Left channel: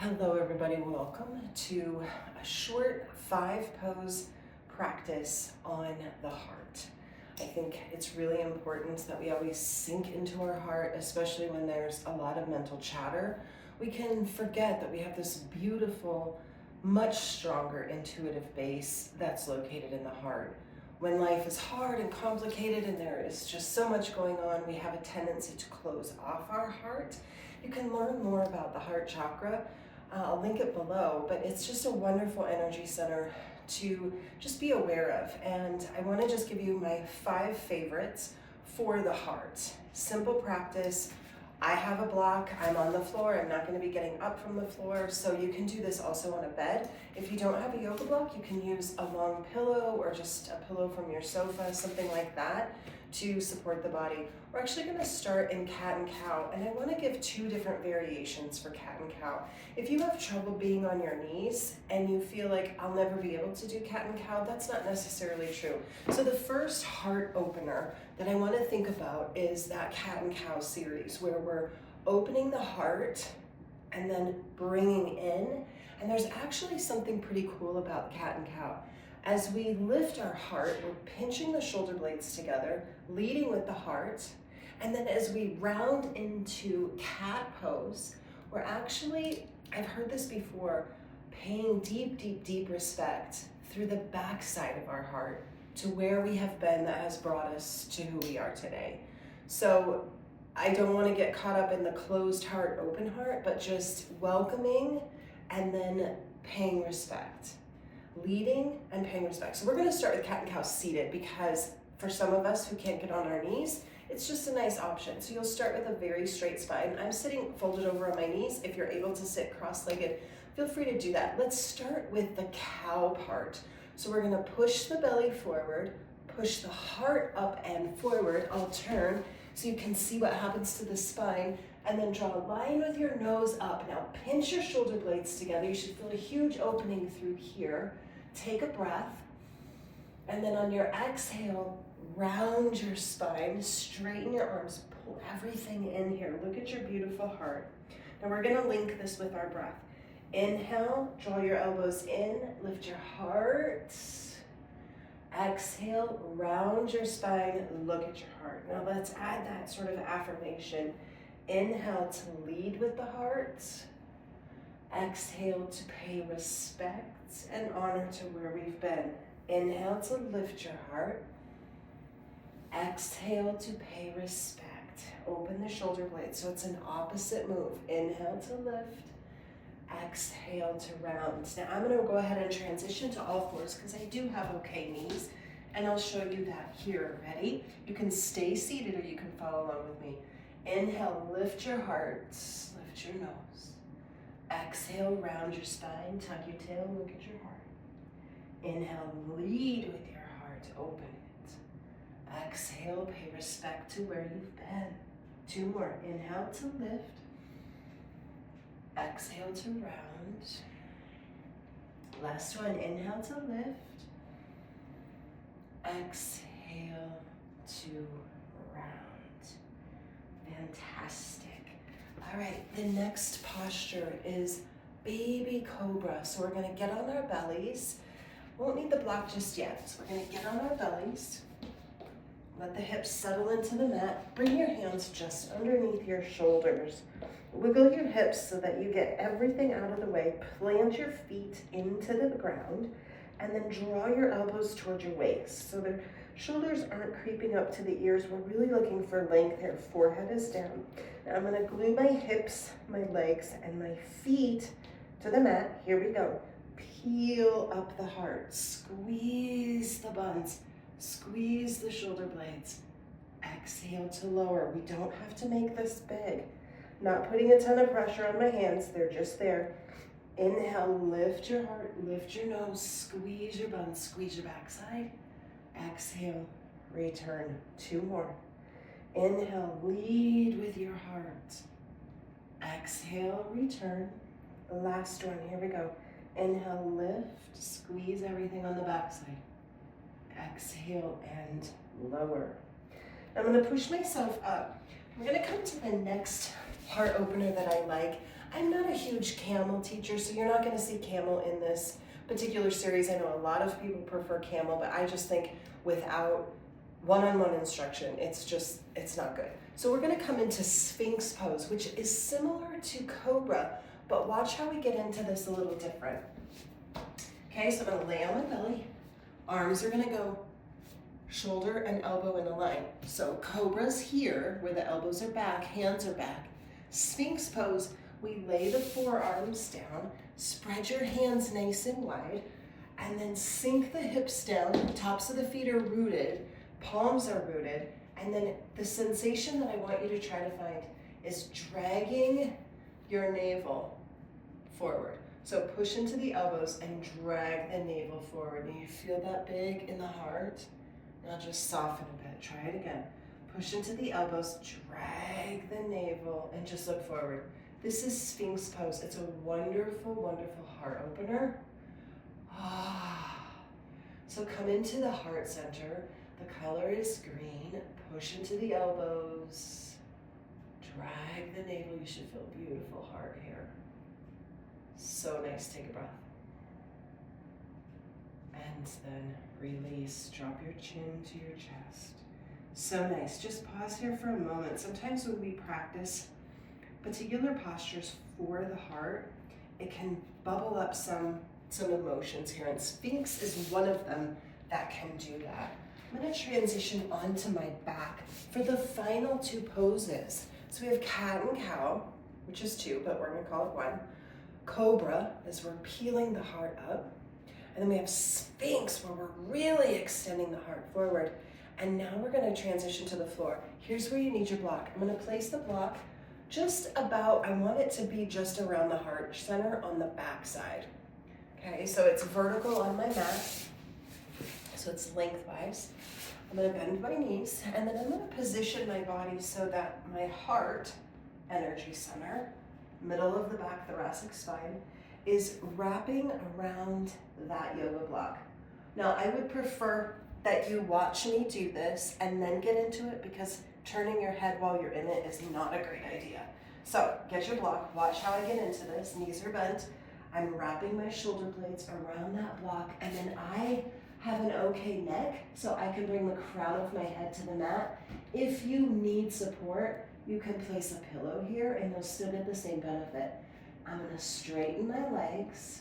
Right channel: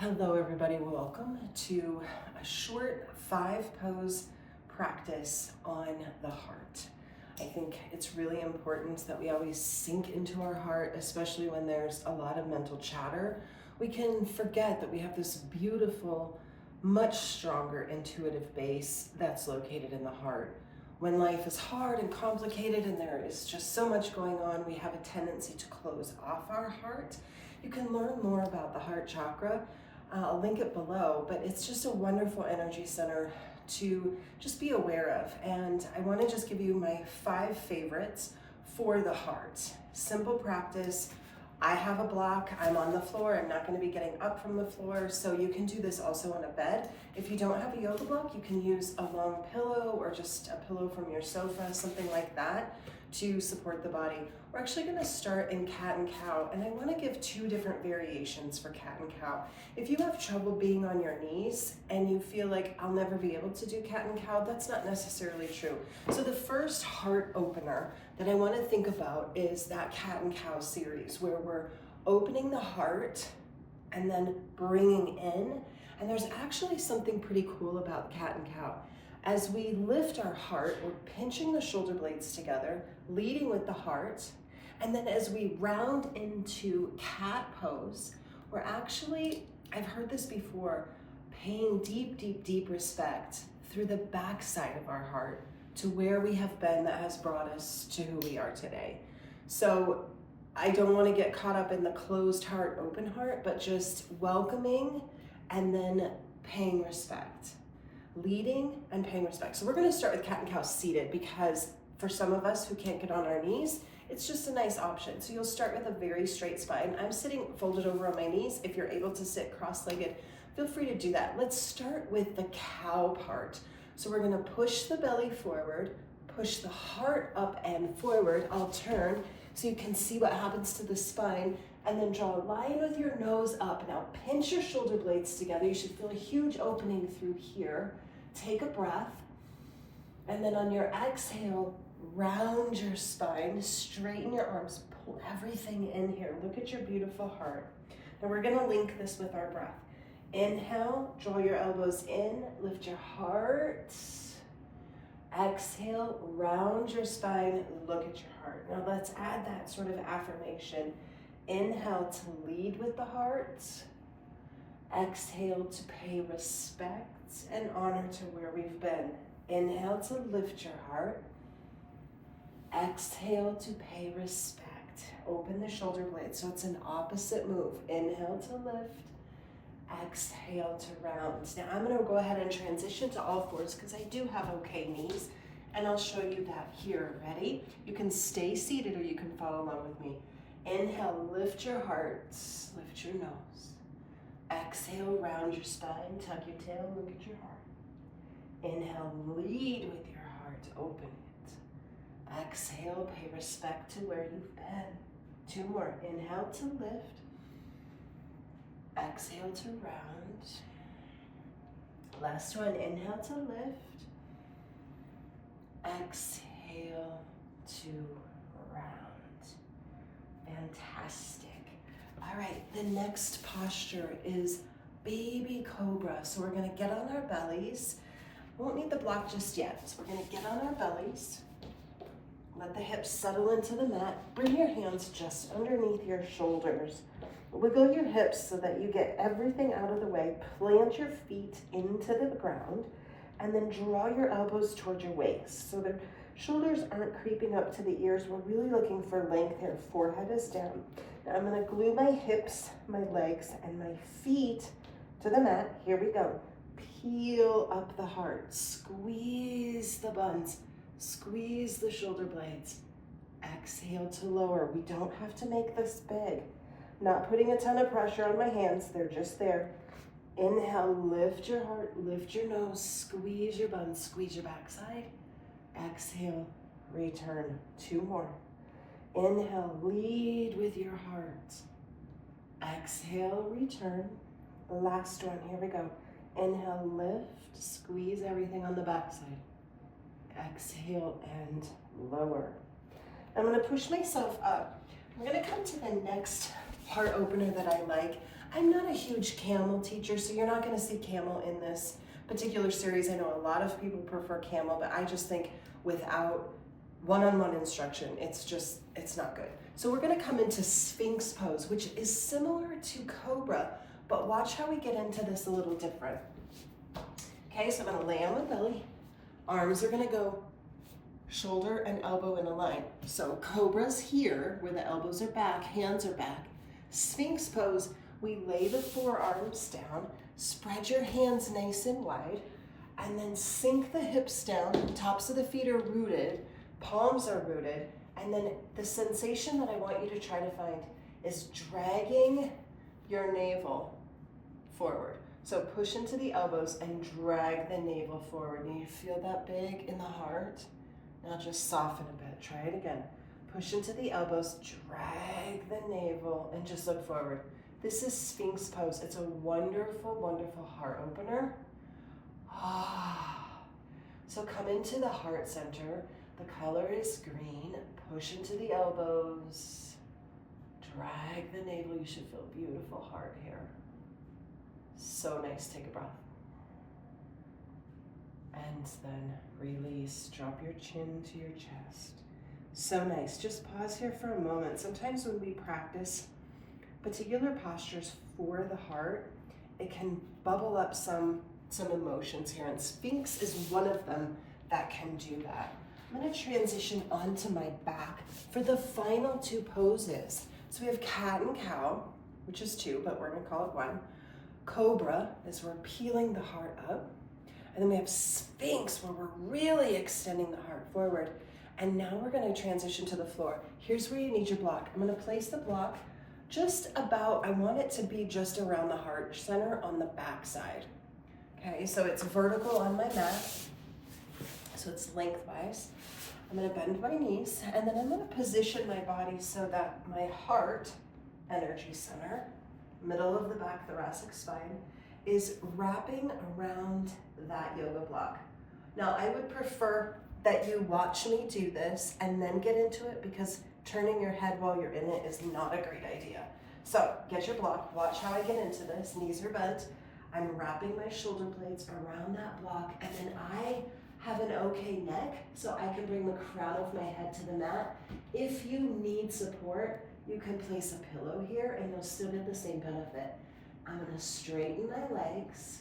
Hello everybody, welcome to a short 5-pose practice on the heart. I think it's really important that we always sink into our heart, especially when there's a lot of mental chatter. We can forget that we have this beautiful, much stronger intuitive base that's located in the heart. When life is hard and complicated and there is just so much going on, we have a tendency to close off our heart. You can learn more about the heart chakra. I'll link it below, but it's just a wonderful energy center to just be aware of. And I want to just give you my 5 favorites for the heart. Simple practice. I have a block, I'm on the floor, I'm not going to be getting up from the floor, so you can do this also on a bed. If you don't have a yoga block, you can use a long pillow or just a pillow from your sofa, something like that, to support the body. We're actually going to start in cat and cow, and I want to give 2 different variations for cat and cow. If you have trouble being on your knees and you feel like I'll never be able to do cat and cow, that's not necessarily true. So the first heart opener that I want to think about is that cat and cow series where we're opening the heart and then bringing in. And there's actually something pretty cool about cat and cow. As we lift our heart, we're pinching the shoulder blades together, leading with the heart. And then as we round into cat pose, we're actually, I've heard this before, paying deep, deep, deep respect through the backside of our heart to where we have been that has brought us to who we are today. So I don't want to get caught up in the closed heart, open heart, but just welcoming and then paying respect. Leading and paying respect. So we're going to start with cat and cow seated because for some of us who can't get on our knees, it's just a nice option. So you'll start with a very straight spine. I'm sitting folded over on my knees. If you're able to sit cross-legged, feel free to do that. Let's start with the cow part. So we're going to push the belly forward, push the heart up and forward. I'll turn so you can see what happens to the spine, and then draw a line with your nose up. Now pinch your shoulder blades together. You should feel a huge opening through here. Take a breath, and then on your exhale, round your spine, straighten your arms, pull everything in here. Look at your beautiful heart. And we're going to link this with our breath. Inhale, draw your elbows in, lift your heart. Exhale, round your spine, look at your heart. Now let's add that sort of affirmation. Inhale to lead with the heart. Exhale to pay respect and honor to where we've been. Inhale to lift your heart. Exhale to pay respect. Open the shoulder blades so it's an opposite move. Inhale to lift. Exhale to round. Now I'm going to go ahead and transition to all fours because I do have okay knees, and I'll show you that here. Ready? You can stay seated or you can follow along with me. Inhale, lift your heart, lift your nose. Exhale, round your spine, tuck your tail, look at your heart. Inhale, lead with your heart, open it. Exhale, pay respect to where you've been. 2 more. Inhale to lift. Exhale to round. Last one. Inhale to lift. Exhale to round. Fantastic. All right, the next posture is baby cobra. So we're going to get on our bellies. Won't need the block just yet. So we're going to get on our bellies. Let the hips settle into the mat. Bring your hands just underneath your shoulders. Wiggle your hips so that you get everything out of the way. Plant your feet into the ground and then draw your elbows towards your waist. So the shoulders aren't creeping up to the ears. We're really looking for length here. Forehead is down. Now I'm going to glue my hips, my legs, and my feet to the mat. Here we go. Peel up the heart. Squeeze the buns. Squeeze the shoulder blades. Exhale to lower. We don't have to make this big. Not putting a ton of pressure on my hands. They're just there. Inhale, lift your heart, lift your nose, squeeze your buns, squeeze your backside. Exhale, return. 2 more. Inhale, lead with your heart. Exhale, return. Last one, here we go. Inhale, lift, squeeze everything on the backside. Exhale and lower. I'm going to push myself up. We're going to come to the next heart opener that I like. I'm not a huge camel teacher, so you're not gonna see camel in this particular series. I know a lot of people prefer camel, but I just think without one-on-one instruction, it's not good. So we're gonna come into Sphinx pose, which is similar to Cobra, but watch how we get into this a little different. Okay, so I'm gonna lay on my belly. Arms are gonna go shoulder and elbow in a line. So Cobra's here, where the elbows are back, hands are back. Sphinx pose, we lay the forearms down, spread your hands nice and wide, and then sink the hips down, tops of the feet are rooted, palms are rooted, and then the sensation that I want you to try to find is dragging your navel forward. So push into the elbows and drag the navel forward. And you feel that big in the heart? Now just soften a bit. Try it again. Push into the elbows, drag the navel, and just look forward. This is Sphinx pose. It's a wonderful, wonderful heart opener. So come into the heart center. The color is green. Push into the elbows. Drag the navel. You should feel beautiful heart here. So nice. Take a breath. And then release. Drop your chin to your chest. So nice. Just pause here for a moment. Sometimes when we practice particular postures for the heart, it can bubble up some emotions here. And Sphinx is one of them that can do that. I'm going to transition onto my back for the final two poses. So we have cat and cow, which is two, but we're going to call it one. Cobra, as we're peeling the heart up. And then we have Sphinx, where we're really extending the heart forward. And now we're going to transition to the floor. Here's where you need your block. I'm going to place the block just about, I want it to be just around the heart center on the back side. Okay, so it's vertical on my mat. So it's lengthwise. I'm going to bend my knees, and then I'm going to position my body so that my heart energy center, middle of the back thoracic spine, is wrapping around that yoga block. Now, I would prefer that you watch me do this and then get into it, because turning your head while you're in it is not a great idea. So get your block, watch how I get into this. Knees are bent. I'm wrapping my shoulder blades around that block, and then I have an okay neck, so I can bring the crown of my head to the mat. If you need support, you can place a pillow here and you'll still get the same benefit. I'm gonna straighten my legs.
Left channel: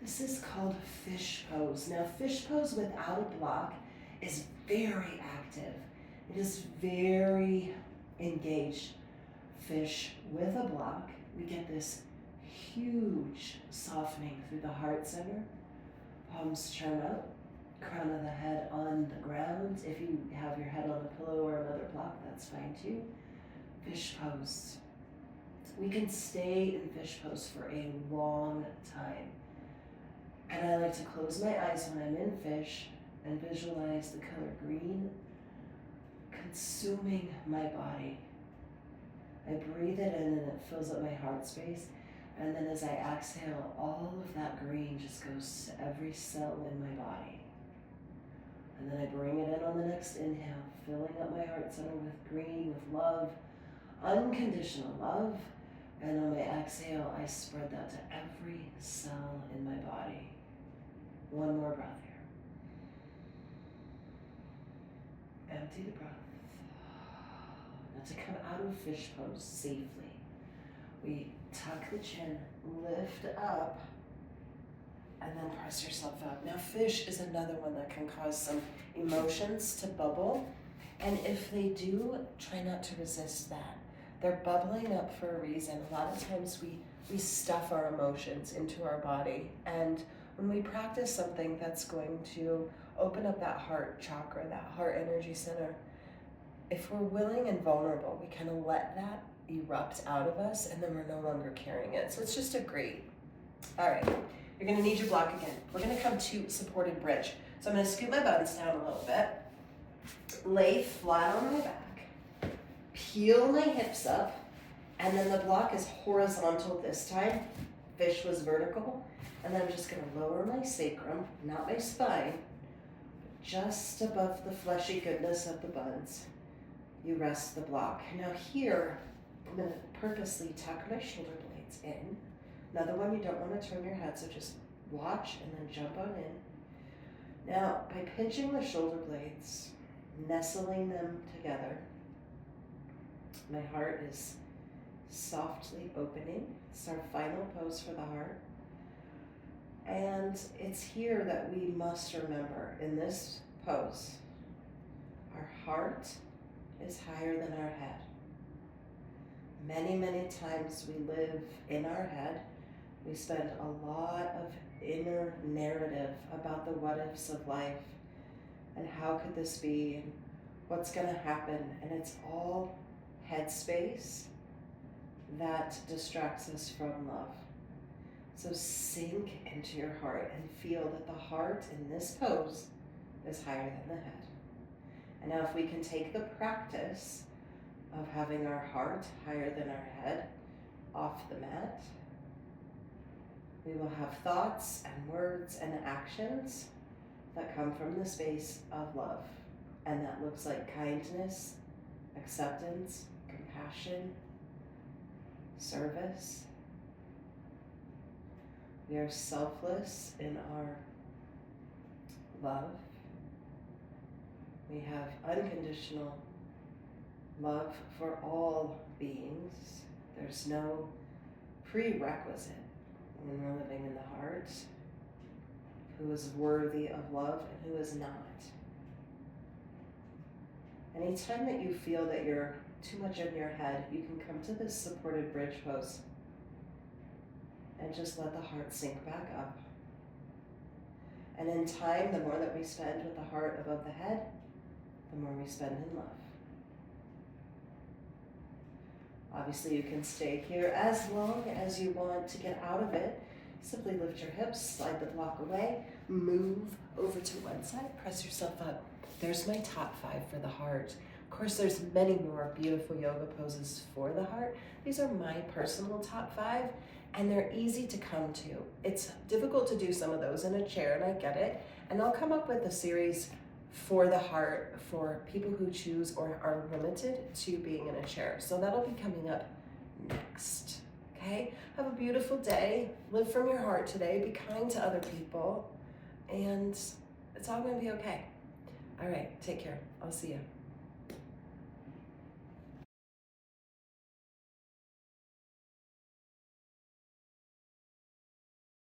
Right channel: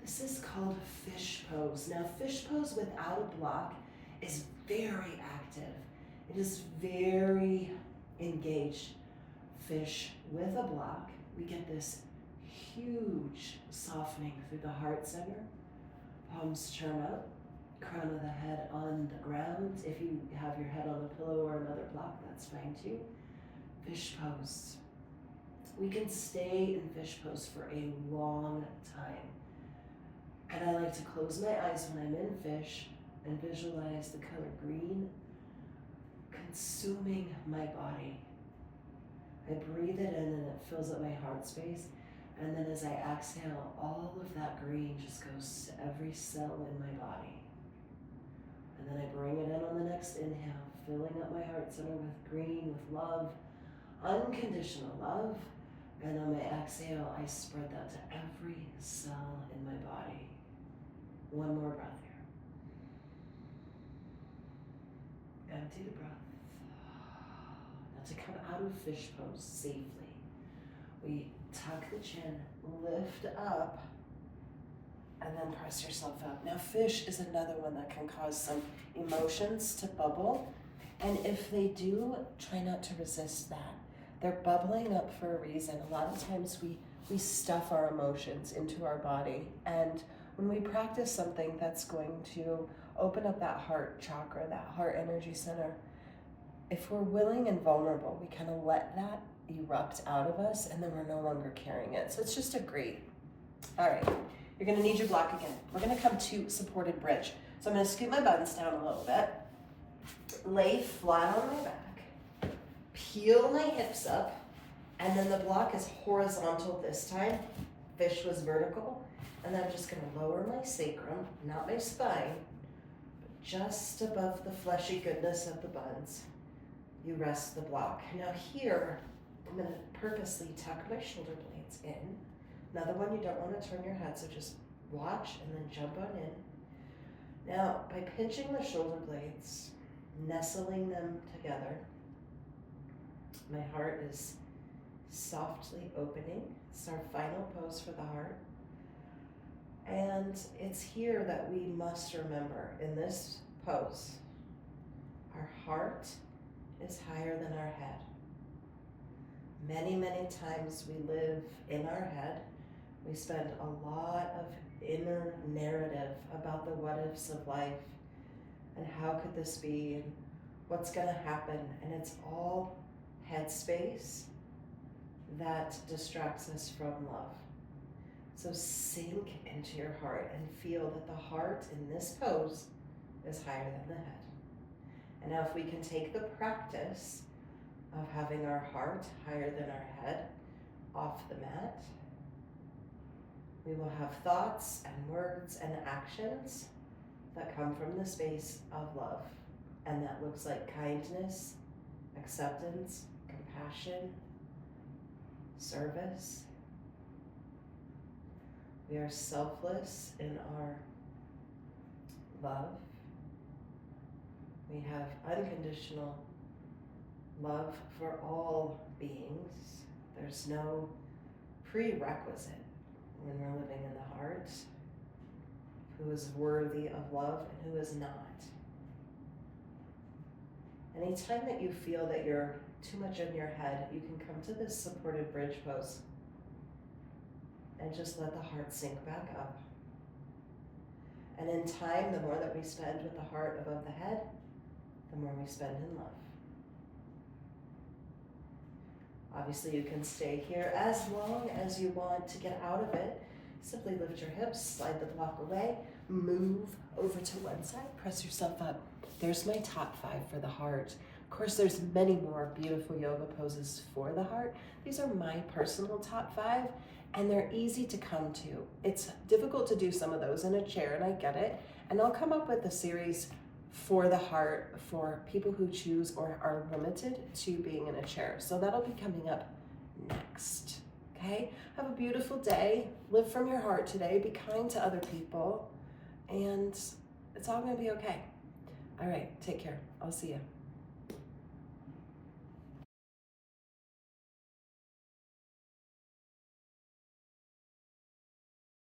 This is called fish pose. Now, fish pose without a block is very active. It is very engaged. Fish with a block, we get this huge softening through the heart center. Palms turn up, crown of the head on the ground. If you have your head on a pillow or another block, that's fine too. Fish pose. We can stay in fish pose for a long time. And I like to close my eyes when I'm in fish and visualize the color green consuming my body. I breathe it in and it fills up my heart space. And then as I exhale, all of that green just goes to every cell in my body. And then I bring it in on the next inhale, filling up my heart center with green, with love, unconditional love. And on my exhale, I spread that to every cell in my body. One more breath here. Empty the breath. Now to come out of fish pose safely, we tuck the chin, lift up, and then press yourself up. Now, fish is another one that can cause some emotions to bubble. And if they do, try not to resist that. They're bubbling up for a reason. A lot of times we stuff our emotions into our body. And when we practice something that's going to open up that heart chakra, that heart energy center, if we're willing and vulnerable, we kind of let that erupt out of us, and then we're no longer carrying it. So it's just a great. All right, you're gonna need your block again. We're gonna come to supported bridge. So I'm gonna scoot my buttons down a little bit, lay flat on my back, peel my hips up, and then the block is horizontal this time. Fish was vertical. And then I'm just gonna lower my sacrum, not my spine, but just above the fleshy goodness of the buns. You rest the block. Now here, I'm gonna purposely tuck my shoulder blades. blades in. Another one, you don't want to turn your head, so just watch and then jump on in. Now, by pinching the shoulder blades, nestling them together, my heart is softly opening. It's our final pose for the heart. And it's here that we must remember in this pose, our heart is higher than our head. Many, many times we live in our head. We spend a lot of inner narrative about the what ifs of life and how could this be and what's going to happen. And it's all headspace that distracts us from love. So sink into your heart and feel that the heart in this pose is higher than the head. And now if we can take the practice of having our heart higher than our head off the mat, we will have thoughts and words and actions that come from the space of love. And that looks like kindness, acceptance, compassion, service. We are selfless in our love. We have unconditional love for all beings. There's no prerequisite when we're living in the heart who is worthy of love and who is not. Anytime that you feel that you're too much in your head, you can come to this supported bridge pose and just let the heart sink back up. And in time, the more that we spend with the heart above the head, the more we spend in love. Obviously, you can stay here as long as you want. To get out of it, simply lift your hips, slide the block away, move over to one side, press yourself up. There's my top 5 for the heart. Of course, there's many more beautiful yoga poses for the heart. These are my personal top 5, and they're easy to come to. It's difficult to do some of those in a chair, and I get it. And I'll come up with a series for the heart for people who choose or are limited to being in a chair. So that'll be coming up next, okay? Have a beautiful day. Live from your heart today. Be kind to other people, and it's all gonna be okay. All right, take care. I'll see you.